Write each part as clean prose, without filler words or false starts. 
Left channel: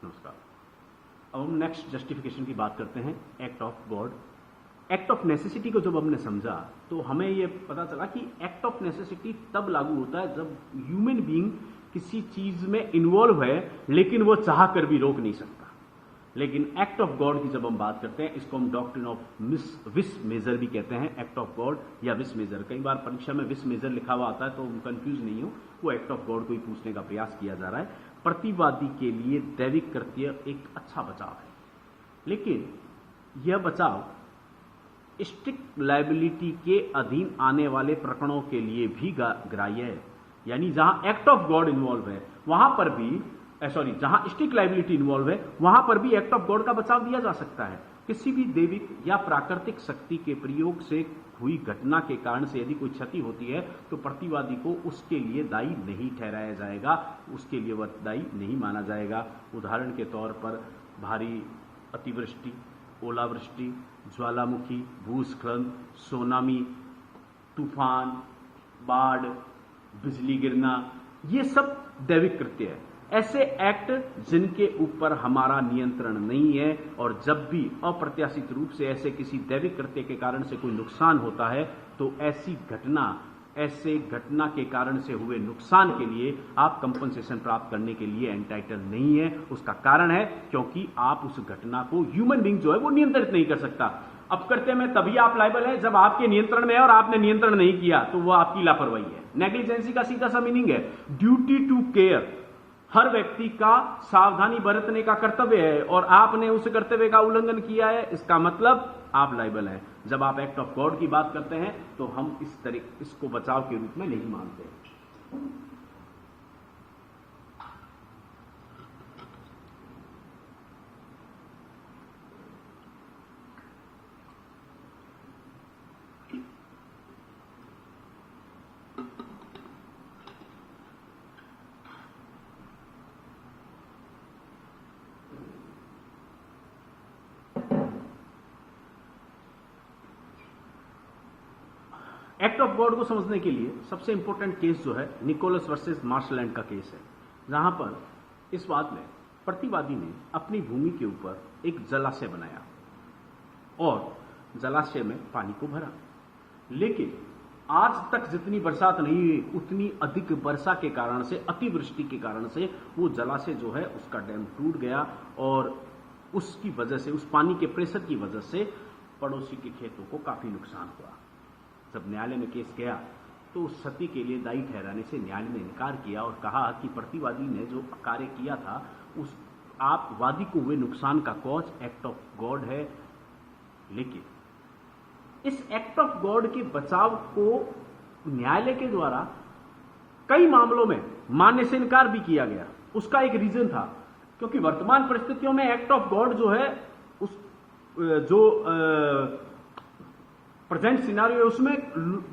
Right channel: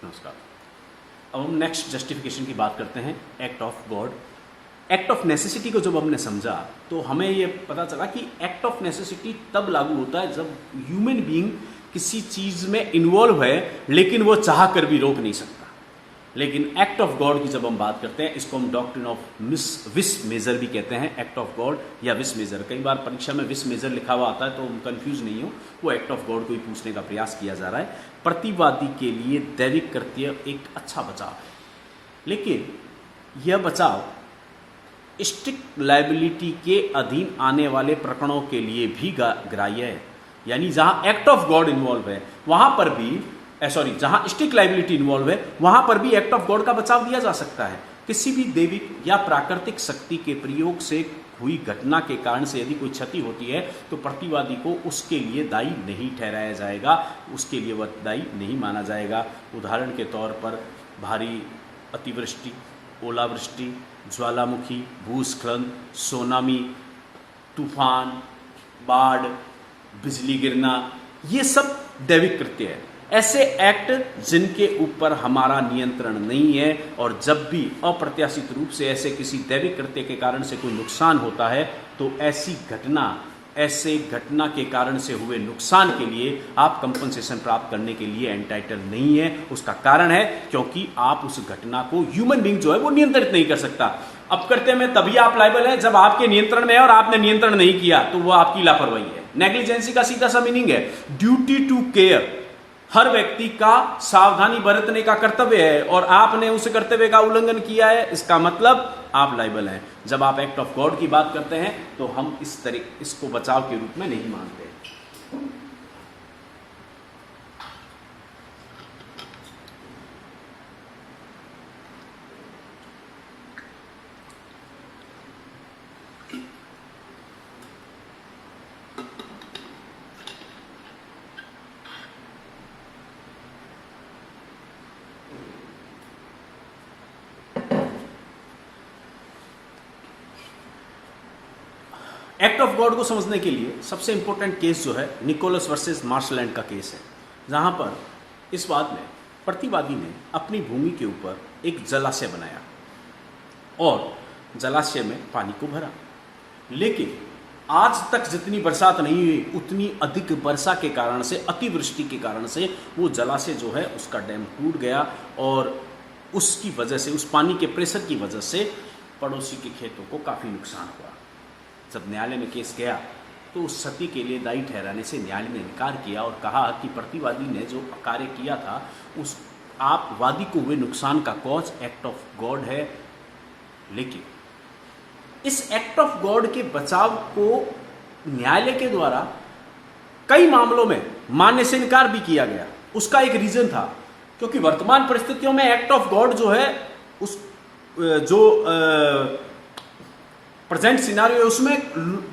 नमस्कार। अब हम नेक्स्ट जस्टिफिकेशन की बात करते हैं, act of God. Act of necessity को जब हमने समझा तो हमें ये पता चला कि एक्ट ऑफ नेसेसिटी तब लागू होता है जब ह्यूमन बीइंग किसी चीज़ में इन्वॉल्व है लेकिन वो चाह कर भी रोक नहीं सकता। लेकिन एक्ट ऑफ गॉड की जब हम बात करते हैं, इसको हम डॉक्ट्रिन ऑफ विस मेजर भी कहते हैं, एक्ट ऑफ गॉड या विस मेजर। कई बार परीक्षा में विस मेजर लिखा हुआ आता है तो कंफ्यूज नहीं हो, वो एक्ट ऑफ गॉड को ही पूछने का प्रयास किया जा रहा है। प्रतिवादी के लिए दैविक कृत्य एक अच्छा बचाव है, लेकिन यह बचाव स्ट्रिक्ट लायबिलिटी के अधीन आने वाले प्रकरणों के लिए भी ग्राह्य है। यानी जहां एक्ट ऑफ गॉड इन्वॉल्व है वहां पर भी जहां स्ट्रिक्ट लायबिलिटी इन्वॉल्व है वहां पर भी एक्ट ऑफ गॉड का बचाव दिया जा सकता है। किसी भी दैविक या प्राकृतिक शक्ति के प्रयोग से हुई घटना के कारण से यदि कोई क्षति होती है तो प्रतिवादी को उसके लिए दायी नहीं ठहराया जाएगा, उसके लिए वह दायी नहीं माना जाएगा। उदाहरण के तौर पर भारी अतिवृष्टि, ओलावृष्टि, ज्वालामुखी, भूस्खलन, सोनामी, तूफान, बाढ़, बिजली गिरना, ये सब दैविक कृत्य है। ऐसे एक्ट जिनके ऊपर हमारा नियंत्रण नहीं है, और जब भी अप्रत्याशित रूप से ऐसे किसी दैविक कृत्य के कारण से कोई नुकसान होता है तो ऐसे घटना के कारण से हुए नुकसान के लिए आप कंपनसेशन प्राप्त करने के लिए एंटाइटल नहीं है। उसका कारण है क्योंकि आप उस घटना को ह्यूमन बीइंग जो है वो नियंत्रित नहीं कर सकता। अपकृत्य में तभी आप लायबल है जब आपके नियंत्रण में है और आपने नियंत्रण नहीं किया, तो वो आपकी लापरवाही है। नेग्लिजेंसी का सीधा सा मीनिंग है ड्यूटी टू केयर। हर व्यक्ति का सावधानी बरतने का कर्तव्य है और आपने उस कर्तव्य का उल्लंघन किया है, इसका मतलब आप लायबल हैं। जब आप एक्ट ऑफ गॉड की बात करते हैं तो हम इसको बचाव के रूप में नहीं मानते। एक्ट ऑफ गॉड को समझने के लिए सबसे इंपॉर्टेंट केस जो है निकोलस वर्सेस मार्शलैंड का केस है, जहां पर इस बात में प्रतिवादी ने अपनी भूमि के ऊपर एक जलाशय बनाया और जलाशय में पानी को भरा, लेकिन आज तक जितनी बरसात नहीं हुई उतनी अधिक वर्षा के कारण से, अतिवृष्टि के कारण से वो जलाशय जो है उसका डैम टूट गया और उसकी वजह से, उस पानी के प्रेशर की वजह से पड़ोसी के खेतों को काफ़ी नुकसान हुआ। जब न्यायालय में केस गया तो उस क्षति के लिए दायी ठहराने से न्यायालय ने इनकार किया और कहा कि प्रतिवादी ने जो कार्य किया था उस आप वादी को हुए नुकसान का कॉज एक्ट ऑफ गॉड है। लेकिन इस एक्ट ऑफ गॉड के बचाव को न्यायालय के द्वारा कई मामलों में मानने से इनकार भी किया गया। उसका एक रीजन था क्योंकि वर्तमान परिस्थितियों में एक्ट ऑफ गॉड जो है उस प्रेजेंट सिनारियो उसमें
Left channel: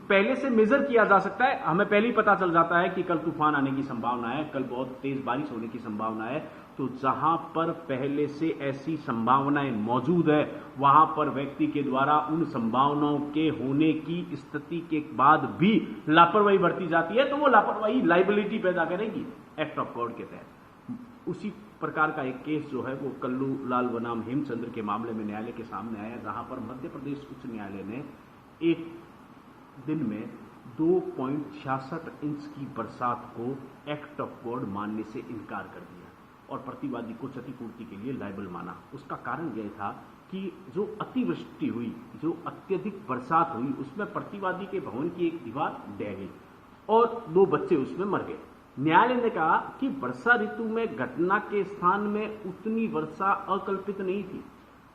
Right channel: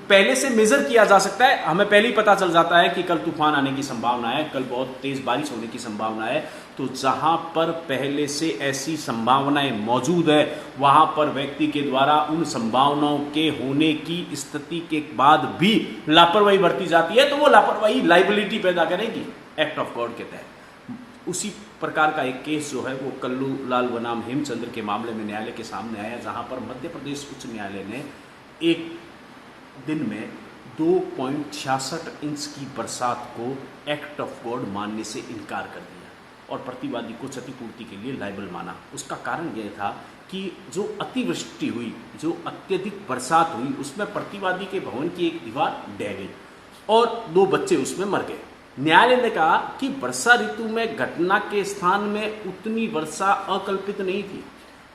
पहले से मेजर किया जा सकता है। हमें पहले ही पता चल जाता है कि कल तूफान आने की संभावना है, कल बहुत तेज बारिश होने की संभावना है। तो जहां पर पहले से ऐसी संभावनाएं मौजूद है वहां पर व्यक्ति के द्वारा उन संभावनाओं के होने की स्थिति के बाद भी लापरवाही बरती जाती है तो वो लापरवाही लाइबिलिटी पैदा करेगी एक्ट ऑफ गॉड के तहत। उसी प्रकार का एक केस जो है वो कल्लू लाल बनाम हेमचंद्र के मामले में न्यायालय के सामने आया, जहां पर मध्य प्रदेश उच्च न्यायालय ने एक दिन में 2.66 इंच की बरसात को एक्ट ऑफ गॉड मानने से इनकार कर दिया और प्रतिवादी को क्षतिपूर्ति के लिए लायबल माना। उसका कारण यह था कि जो अतिवृष्टि हुई, जो अत्यधिक बरसात हुई, उसमें प्रतिवादी के भवन की एक दीवार ढह गई और 2 बच्चे उसमें मर गए। न्यायालय ने कहा कि वर्षा ऋतु में घटना के स्थान में उतनी वर्षा अकल्पित नहीं थी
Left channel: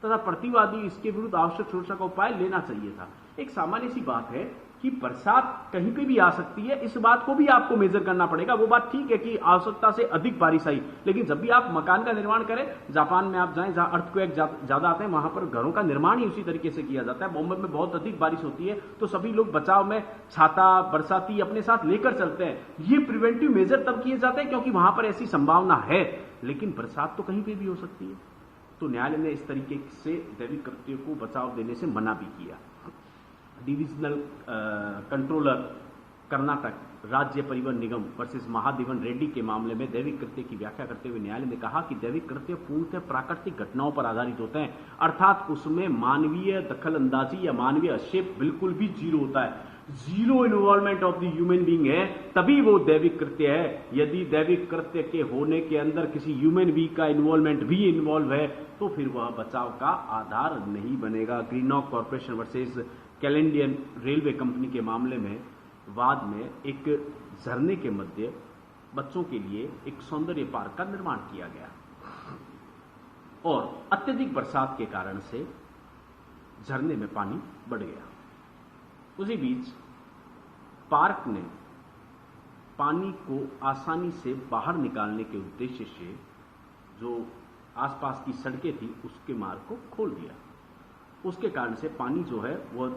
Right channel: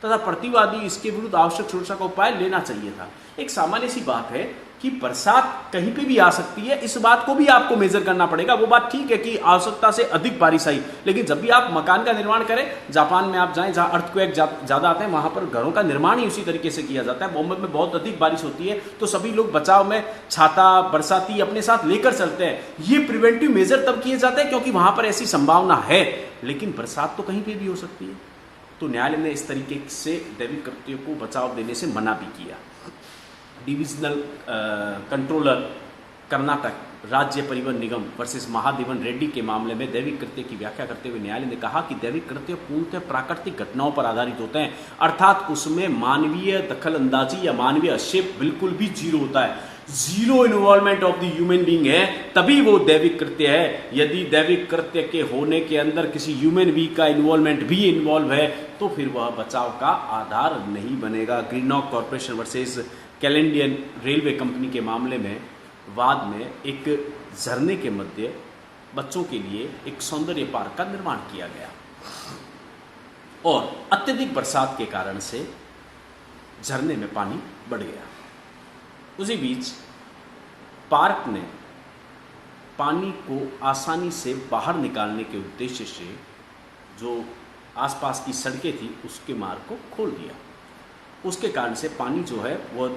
तथा प्रतिवादी इसके विरुद्ध आवश्यक सुरक्षा का उपाय लेना चाहिए था। एक सामान्य सी बात है कि बरसात कहीं पे भी आ सकती है, इस बात को भी आपको मेजर करना पड़ेगा। वो बात ठीक है कि आवश्यकता से अधिक बारिश आई, लेकिन जब भी आप मकान का निर्माण करें, जापान में आप जाएं जहां अर्थक्वेक ज़्यादा आते हैं वहां पर घरों का निर्माण ही उसी तरीके से किया जाता है। बॉम्बे में बहुत अधिक बारिश होती है तो सभी लोग बचाव में छाता, बरसाती अपने साथ लेकर चलते हैं। ये प्रिवेंटिव मेजर तब किए जाते हैं क्योंकि वहां पर ऐसी संभावना है, लेकिन बरसात तो कहीं पर भी हो सकती है। तो न्यायालय ने इस तरीके से दैविक कृत्यों को बचाव देने से मना भी किया। डिविजनल कंट्रोलर कर्नाटक राज्य परिवहन निगम वर्सेस महादेवन रेड्डी के मामले में दैविक कृत्य की व्याख्या करते हुए न्यायालय ने कहा कि दैविक कृत्य पूर्णतः प्राकृतिक घटनाओं पर आधारित होते हैं, अर्थात उसमें मानवीय दखल अंदाजी या मानवीय हस्तक्षेप बिल्कुल भी जीरो होता है। Zero involvement of the human being है, तभी वो दैविक कृत्य है। यदि दैविक कृत्य के होने के अंदर किसी ह्यूमन बीइंग का इन्वॉल्वमेंट भी इन्वॉल्व है तो फिर वह बचाव का आधार नहीं बनेगा। Greenock corporation versus कैलेंडियन railway company के मामले में वाद में एक झरने के मध्य बच्चों के लिए एक सौंदर्य पार्क का निर्माण किया गया और अत्यधिक बरसात के कारण से झरने में पानी बढ़ गया। उसी बीच पार्क ने पानी को आसानी से बाहर निकालने के उद्देश्य से जो आसपास की सड़कें थी उसके मार्ग को खोल दिया। उसके कारण से पानी जो है वह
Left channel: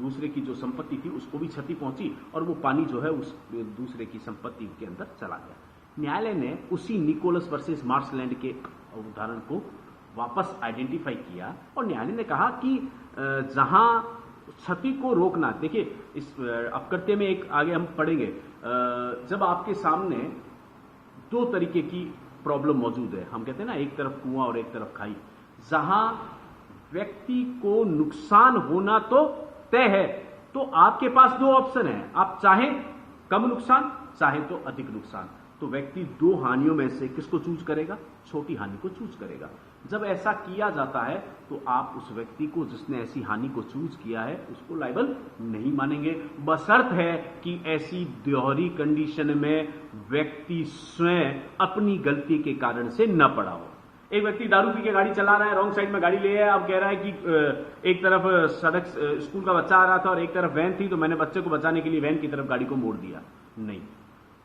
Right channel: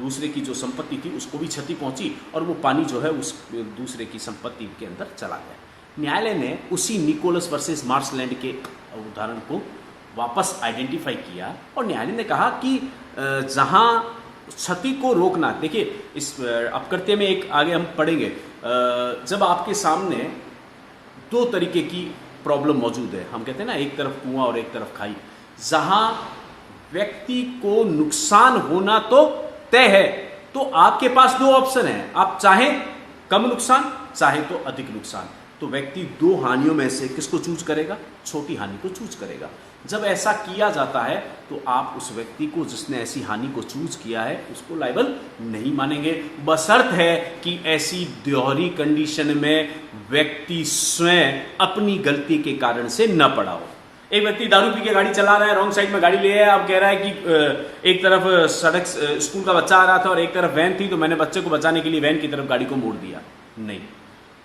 दूसरे की जो संपत्ति थी उसको भी क्षति पहुंची और वो पानी जो है उस दूसरे की संपत्ति के अंदर चला गया। न्यायालय ने उसी निकोलस वर्सेस मार्शलैंड के उदाहरण को वापस आइडेंटिफाई किया और न्यायालय ने कहा कि जहां क्षति को रोकना, देखिए इस अपकृत्य में एक आगे हम पढ़ेंगे, जब आपके सामने दो तरीके की प्रॉब्लम मौजूद है, हम कहते हैं ना एक तरफ कुआं और एक तरफ खाई, जहां व्यक्ति को नुकसान होना तो तय है तो आपके पास दो ऑप्शन है, आप चाहे कम नुकसान चाहे तो अधिक नुकसान, तो व्यक्ति दो हानियों में से किसको चूज करेगा? छोटी हानि को चूज करेगा। जब ऐसा किया जाता है तो आप उस व्यक्ति को जिसने ऐसी हानि को चूज किया है उसको लायबल नहीं मानेंगे, बशर्त है कि ऐसी दोहरी कंडीशन में व्यक्ति स्वयं अपनी गलती के कारण से न पड़ा हो। एक व्यक्ति दारू पी के गाड़ी चला रहा है, रॉन्ग साइड में गाड़ी ले आया, अब कह रहा है कि एक तरफ सड़क स्कूल का बच्चा आ रहा था और एक तरफ वैन थी तो मैंने बच्चे को बचाने के लिए वैन की तरफ गाड़ी को मोड़ दिया। नहीं,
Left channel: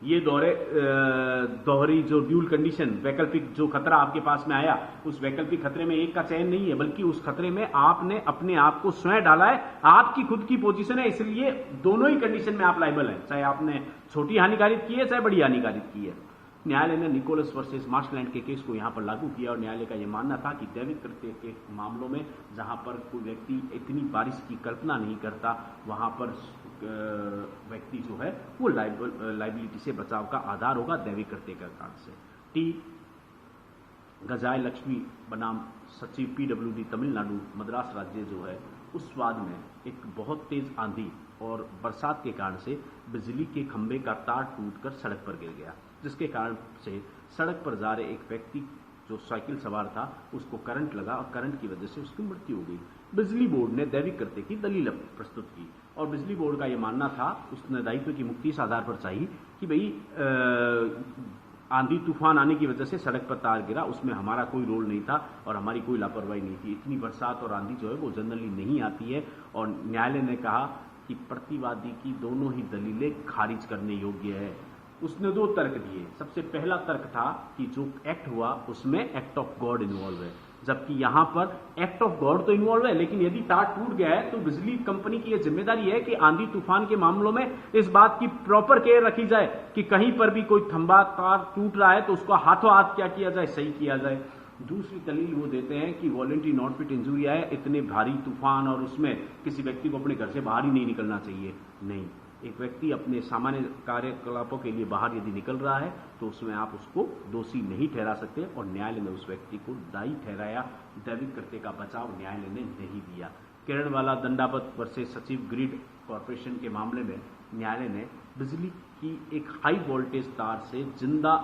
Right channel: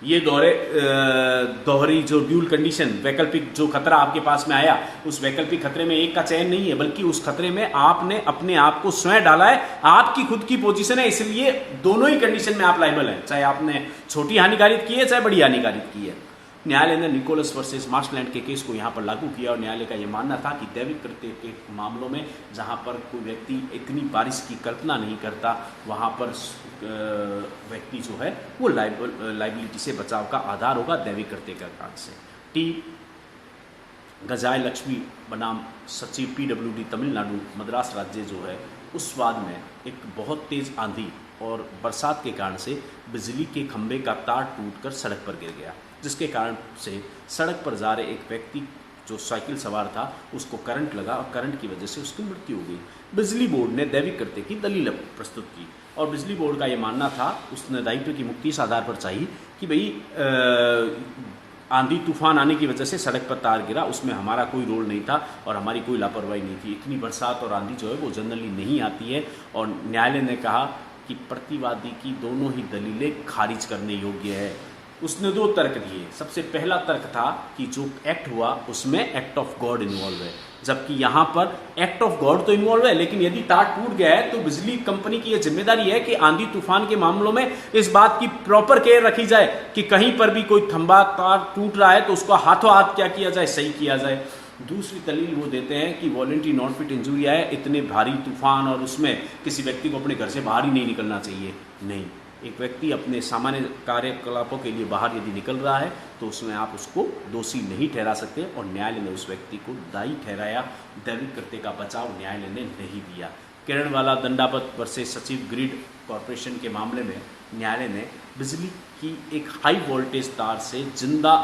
ये दोहरी जो ड्यूल कंडीशन, वैकल्पिक जो खतरा आपके पास में आया, उस वैकल्पिक खतरे में एक का चयन नहीं है बल्कि उस खतरे में आपने अपने आप को स्वयं डाला है, आपकी खुद की पोजीशन है, इसलिए दोनों ही कंडीशन में आप लायबल हैं, चाहे आपने छोटी हानि कारित की है चाहे बड़ी हानि कारित की है। न्यायालय ने निकोलस वर्सेस मार्शलैंड के केस को यहाँ पर लागू किया और न्यायालय का यह मानना था कि दैविक कृत्य के मामलों में जहाँ पर कोई व्यक्ति इतनी बारिश की कल्पना नहीं करता वहाँ पर व्यक्ति जो है वो लाइबिलिटी से बचाव का आधार होगा दैविक कृत्य के कारण से। टी गजाय लक्ष्मी बनाम सचिव PWD तमिलनाडु मद्रास राज्य जो है उस वाद में एक बहुत तेज आंधी और बरसात के कारण से बिजली के खंभे का तार टूटकर सड़क पर गिर गया, जिसके कारण से सड़क पर जा रहे एक व्यक्ति जो साइकिल सवार था उसको करंट लगा और करंट की वजह से उसकी मृत्यु हो गई। बिजली बोर्ड ने दैविक कृत्य की दलील प्रस्तुत की और बिजली बोर्ड का ये मानना था, उसने दायित्व की मुक्ति इस आधार पर चाहिए कि भाई आंधी तूफान आने की वजह से सड़क पर तार गिरा, उसमें हमारा कोई रोल नहीं था और हमारी कोई लापरवाही नहीं थी। इतनी बरसात और आंधी जो है वो जनरली नहीं आती है और न्यायालय ने कहा कि प्रतिवादी की दोनों ही दलीलें खारिज करने योग्य है। उसने दो तर्क दिए। सबसे पहला तर्क था कि जो एक्ट हुआ उसमें एक्ट ऑफ गॉड इन्वॉल्व है, जबकि यहाँ पर एक्ट ऑफ गॉड तो इन्वॉल्व है लेकिन यदि तार टूट गया है तो बिजली कंपनी की यह जिम्मेदारी है कि आंधी तूफान के मामलों में इस बात की प्रॉपर केयर रखी जाए कि कहीं पर भी कोई खंभा तार टूट रहा है तो उसको हाथों हाथ क्या किया जाए, सही किया जाए। दूसरी दलील वो देते हैं कि वॉलंटरी नॉन फिट इंजरी है, इतने भारी तूफान और उसमें किसी व्यक्ति को अपने घर से बाहर ही नहीं निकलना चाहिए। नहीं, एक व्यक्ति अपने सामान्य कार्यकलापों के लिए बाहर यदि निकल रहा है तो उसमें आप उसको दोषी नहीं ठहरा सकते और न्यायालय ने उस व्यक्ति को दायी ठहराया। दैविक कृत्य का बचाव न्यायालय ने नहीं दिया। किरणवाला दंडापत वर्सेस सचिव ग्रिड कॉरपोरेशन के मामले में न्यायालय ने बिजली की एक हाई वोल्टेज तार से जिंदा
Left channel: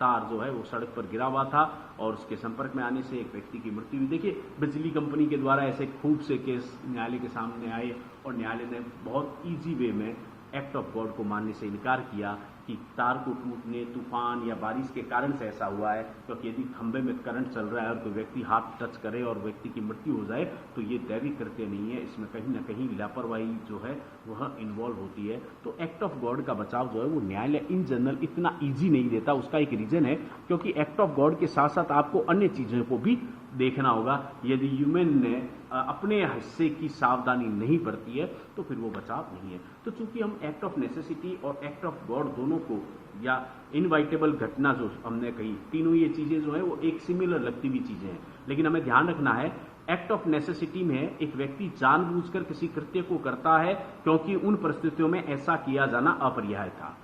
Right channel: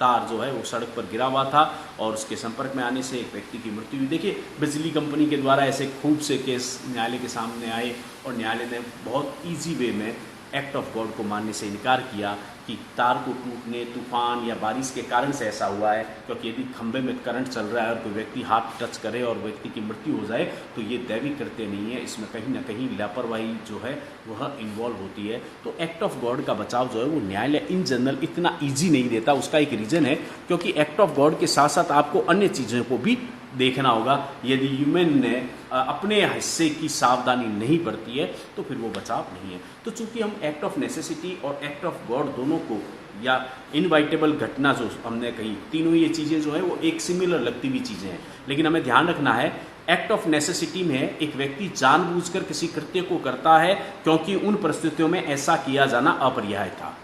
तार जो है वो सड़क पर गिरा हुआ था और उसके संपर्क में आने से एक व्यक्ति की मृत्यु हुई। देखिए, बिजली कंपनी के द्वारा ऐसे खूब से केस न्यायालय के सामने आए और न्यायालय ने बहुत ईजी वे में एक्ट ऑफ गॉड को मानने से इनकार किया कि तार को टूटने, तूफान या बारिश के कारण से ऐसा हुआ है, क्योंकि यदि खंभे में करंट चल रहा है और कोई व्यक्ति हाथ टच करे और व्यक्ति की मृत्यु हो जाए तो ये दैविक कृत्य नहीं है, इसमें कहीं ना कहीं लापरवाही जो है वह इन्वॉल्व होती है। तो एक्ट ऑफ गॉड का बचाव जो है वो न्यायालय इन जनरल इतना ईजी नहीं देता। उसका एक रीज़न है क्योंकि एक्ट ऑफ गॉड के साथ साथ आपको अन्य चीज़ों को भी देखना होगा। यदि ह्यूमन ने अपने हिस्से की सावधानी नहीं बरती है तो फिर वो बचाव नहीं है। तो चूंकि हम एक्ट ऑफ नेसेसिटी और एक्ट ऑफ गॉड दोनों को या इनवाइटेबल घटना जो हमने कही, तीनों ये चीज़ें जो है वो एक सिमिलर लगती हुई चीज़ें हैं, लेकिन हमें ध्यान रखना है एक्ट ऑफ नेसेसिटी में एक व्यक्ति जानबूझकर किसी कृत्य को करता है क्योंकि उन परिस्थितियों में ऐसा किया जाना अपरिहार्य था।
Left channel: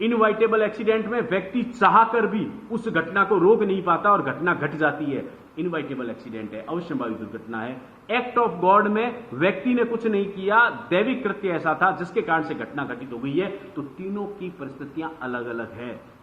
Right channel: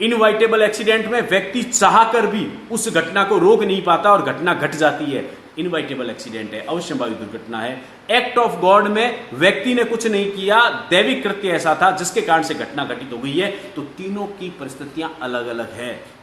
इनवाइटेबल एक्सीडेंट में व्यक्ति चाहकर भी उस घटना को रोक नहीं पाता और घटना घट जाती है, इनवाइटेबल एक्सीडेंट है, अवश्यंभावी दुर्घटना है। एक्ट ऑफ गॉड में व्यक्ति ने कुछ नहीं किया, दैविक कृत्य ऐसा था जिसके कारण से घटना घटित हो गई है। तो तीनों की परिस्थितियां अलग अलग है।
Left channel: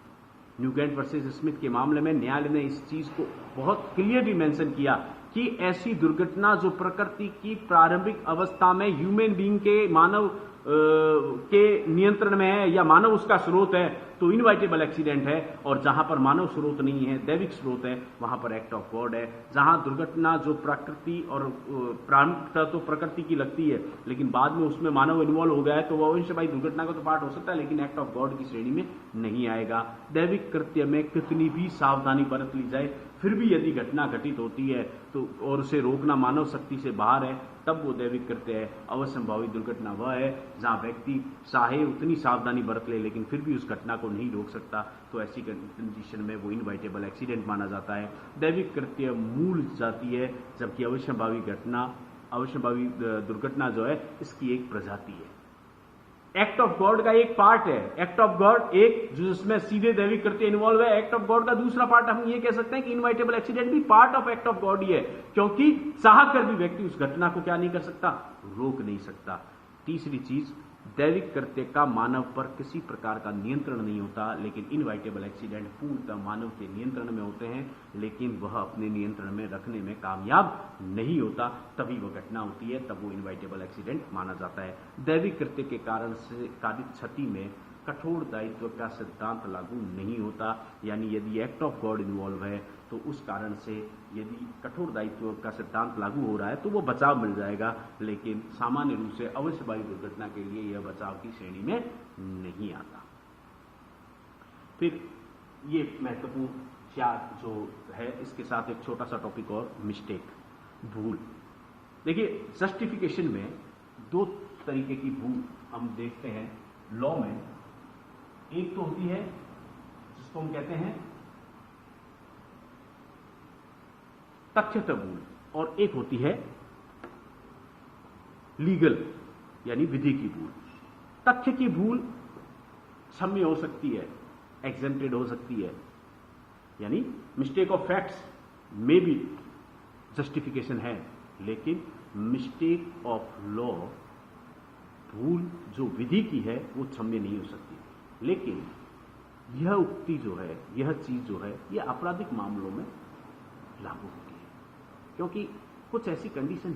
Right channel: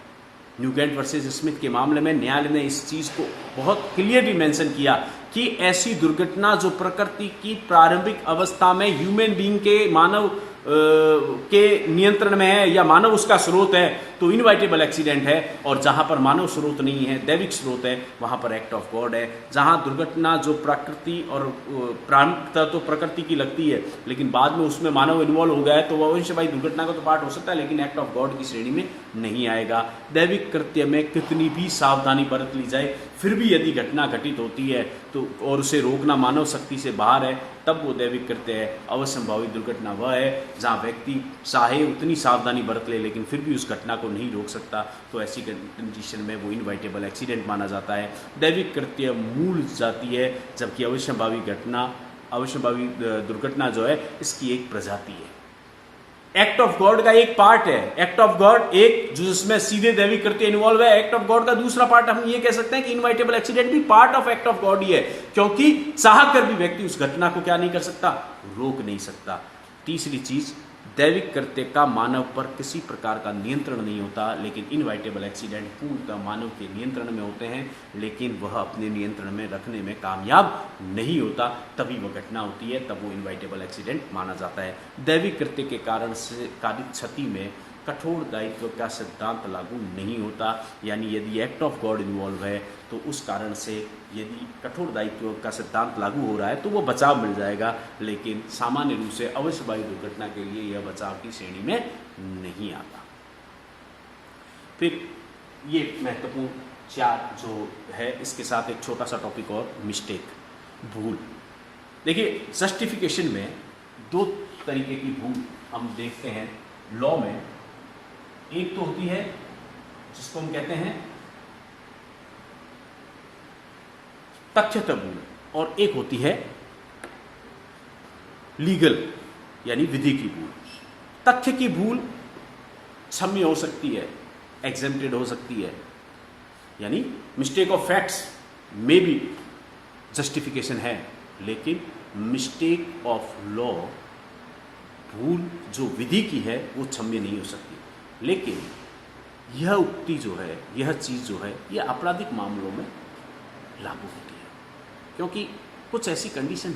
न्यूगेंट वर्सेस स्मिथ के मामले में न्यायालय ने इस चीज को बहुत क्लियरली मेंशन किया कि ऐसी दुर्घटना जो प्रकृति की प्रारंभिक अवस्था में ह्यूमन बीइंग के मानव के नियंत्रण में है या मानव उसका स्रोत है तो इनवाइटेबल एक्सीडेंट है, और जहां पर मानव स्रोत नहीं है, दैविक स्रोत है, वहां पर एक्ट ऑफ गॉड है। जहां दुर्घटना जो प्रकृति और प्रारंभिकता तो प्रकृति की लगती है लेकिन बाद में उसमें मानव इन्वॉल्व हो गया है तो वह अवश्य भाई दुर्घटना का तो पार्ट हो सकता है लेकिन एक्ट ऑफ गॉड की श्रेणी में नहीं आएगा। दैविक कृत्य में कितनी भी सावधानी बरत ली जाए फिर भी यदि घटना घटित होती है तो और उसे रोकना मानव शक्ति से बाहर है तब वो दैविक कृत्य है। अवश्यंभावी दुर्घटना वह है जहाँ व्यक्ति चाहे उतनी सावधानी बरत ले लेकिन फिर भी उस घटना को नहीं रोक सकता, तो ऐसी कंडीशन में वो इनवाइटेबल एक्सीडेंट माना जाता है। दैविक कृत्य मूल जाति है जबकि अवश्यंभावी दुर्घटना जो है इसकी एक प्रजाति है। एक्ट ऑफ गॉड का एक पार्ट है, एक्ट ऑफ गॉड एक जो जिसमें सीधे दैविक कृत्य इन्वॉल्व है। एक्ट ऑफ गॉड का दूसरा पार्ट हम ये कह सकते हैं कि इनवाइटेबल एक्सीडेंट भी part of act of God ही है, क्योंकि चाह कर भी व्यक्ति उस घटना को क्या नहीं कर सकता, रोक नहीं सकता। तीसरी चीज, दैविक कृत्य का मानव पर किसी प्रकार का नियंत्रण नहीं होता, लेकिन इनवाइटेबल एक्सीडेंट पूर्णतः मानव के नियंत्रण में होते हैं, लेकिन वह अपने नियंत्रण में रखने में कामयाब नहीं होता, तभी वह घटना होती है, तब वो इनवाइटेबल एक्सीडेंट माना जाता है। दैविक कृत्य के कारण से कारित क्षति में कठोर दायित्व का सिद्धांत लागू नहीं होता, यानी यदि एक्ट ऑफ गॉड इन्वॉल्व है तो उस कारण से यदि कठोर दायित्व का सिद्धांत लागू हो रहा है तो वो बचाव मिल जाएगा, लेकिन सामान्य रूप से अवश्यवाही दुर्घटना के लिए यह बचाव की श्रेणी में नहीं आता। फिर ये महत्वपूर्ण चार जो है इसके साथ एक छोटा सा टॉपिक और, मिस्टेक, भूल। देखिए जस्टिफिकेशन में दो तरीके की भूल हम देखते हैं लॉ में। एक तो होती है जिसको हम कहते हैं तथ्यतः भूल, और एक होती है लीगल यानी विधि की भूल। तथ्य की भूल क्षम्य हो सकती है, एग्जेम्प्टेड हो सकती है, यानी मिस्टेक ऑफ फैक्ट्स में भी जस्टिफिकेशन है, लेकिन मिस्टेक ऑफ लॉ, भूल जो विधि की है वो क्षम्य नहीं हो सकती। लेकिन यह उक्ति जो है, यह चीज़ जो है, यह आपराधिक मामलों में लागू होती है, क्योंकि कुछ ऐसी कंडीशन